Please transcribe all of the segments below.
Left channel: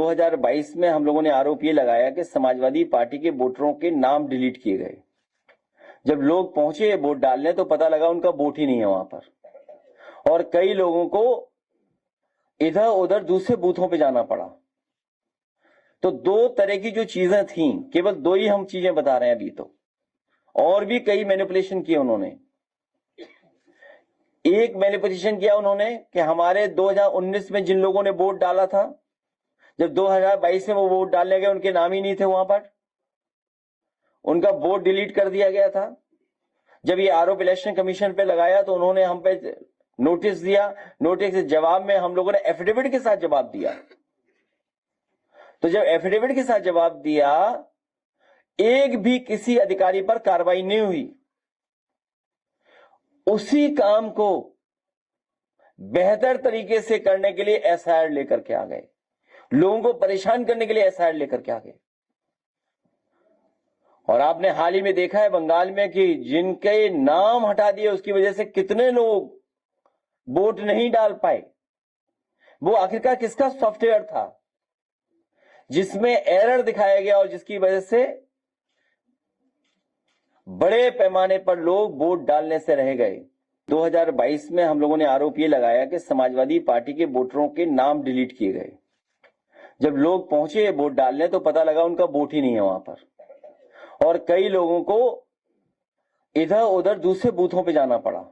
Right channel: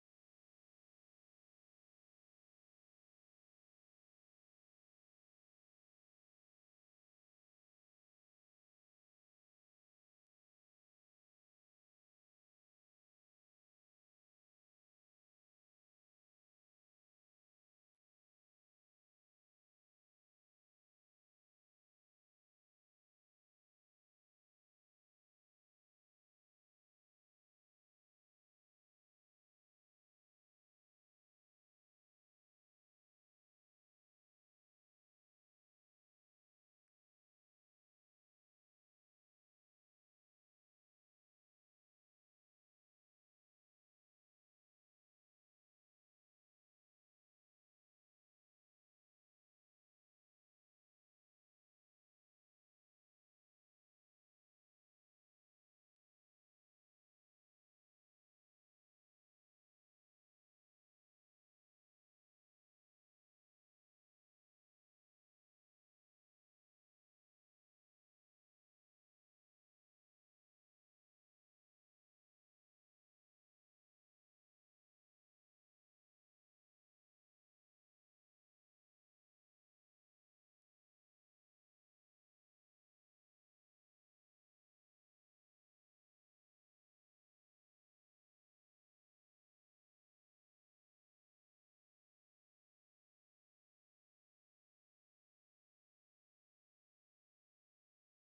2022 में हम लोगों ने आरोप ये लगाया कि समाजवादी पार्टी के वोटरों के नाम डिलीट किए गए। जब लोग पहुंचे वोट डालने तो पता लगा उनका वोट ही नहीं है वहां पर, और कई लोगों को इधर उधर दूसरे बूथों पे जाना पड़ा। तो दो तरह की जो चीजें थी, केवल दो ही हम चीजें बता रहे हैं अभी, तो और भी कई मैनिपुलेशन किए उन्होंने। एक मैनिपुलेशन किया उन्होंने कि हमारे 2019 में जिन लोगों ने वोट डाला था, जब 2022 में वो वोट डालने गए उनके नाम ही नहीं थे वहां पर, उनका वोट डिलीट कर दिया गया था। जब ये आरोप इलेक्शन कमीशन पे लगाया तो उन्होंने हम पे नोटिस दिया। नोटिस के जवाब में हम लोगों ने एफिडेविट के साथ जवाब दिया। तो जब एफिडेविट के साथ जवाब दिया, एक भी किसी अधिकारी पर कार्रवाई नहीं हुई। उसी काम को बेहतर तरीके से करने के लिए एसआईआर लेकर के आ गए, लोगों को परेशान करने के लिए एसआईआर लेकर के आ गए। और आपने हाल ही में देखा है बंगाल में कि जिनके नाम हटा दिए उसकी वजह से कितने लोग वोट नहीं डाल पाए। वो आखिरकार किसका सॉफ्टवेयर था जिसमें एरर दिखाया गया और जिसकी वजह से बड़े पैमाने पर लोग वोट डालने से रह गए। 2022 में हम लोगों ने आरोप ये लगाया कि समाजवादी पार्टी के वोटरों के नाम डिलीट किए गए। जब लोग पहुंचे वोट डालने तो पता लगा उनका वोट ही नहीं है वहां पर, और कई लोगों को इधर उधर दूसरे बूथों पे जाना पड़ा।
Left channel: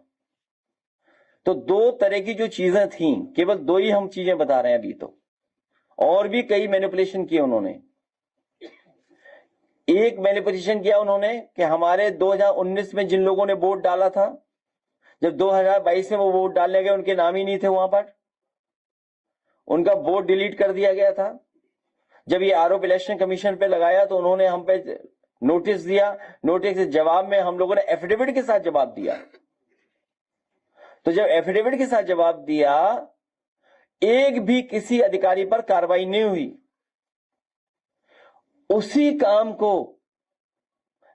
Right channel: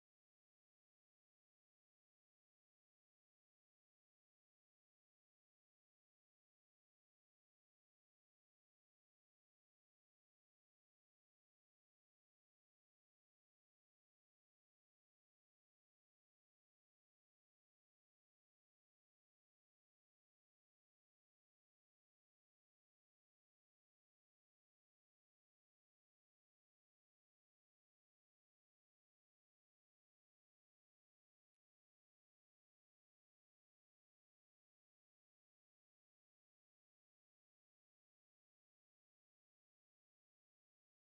तो दो तरह की जो चीजें थी, केवल दो ही हम चीजें बता रहे हैं अभी, तो और भी कई मैनिपुलेशन किए उन्होंने। एक मैनिपुलेशन किया उन्होंने कि हमारे 2019 में जिन लोगों ने वोट डाला था, जब 2022 में वो वोट डालने गए उनके नाम ही नहीं थे वहां पर, उनका वोट डिलीट कर दिया गया था। जब ये आरोप इलेक्शन कमीशन पे लगाया तो उन्होंने हम पे नोटिस दिया। नोटिस के जवाब में हम लोगों ने एफिडेविट के साथ जवाब दिया। तो जब एफिडेविट के साथ जवाब दिया, एक भी किसी अधिकारी पर कार्रवाई नहीं हुई। उसी काम को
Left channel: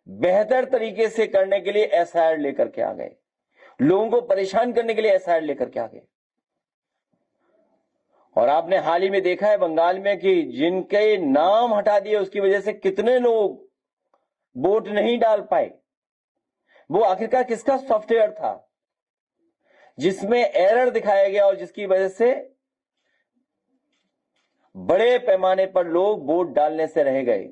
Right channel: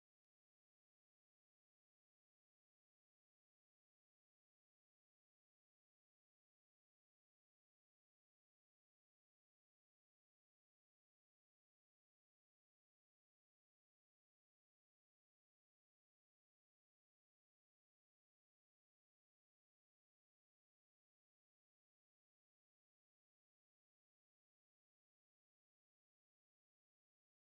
बेहतर तरीके से करने के लिए एसआईआर लेकर के आ गए, लोगों को परेशान करने के लिए एसआईआर लेकर के आ गए। और आपने हाल ही में देखा है बंगाल में कि जिनके नाम हटा दिए उसकी वजह से कितने लोग वोट नहीं डाल पाए। वो आखिरकार किसका सॉफ्टवेयर था जिसमें एरर दिखाया गया और जिसकी वजह से बड़े पैमाने पर लोग वोट डालने से रह गए।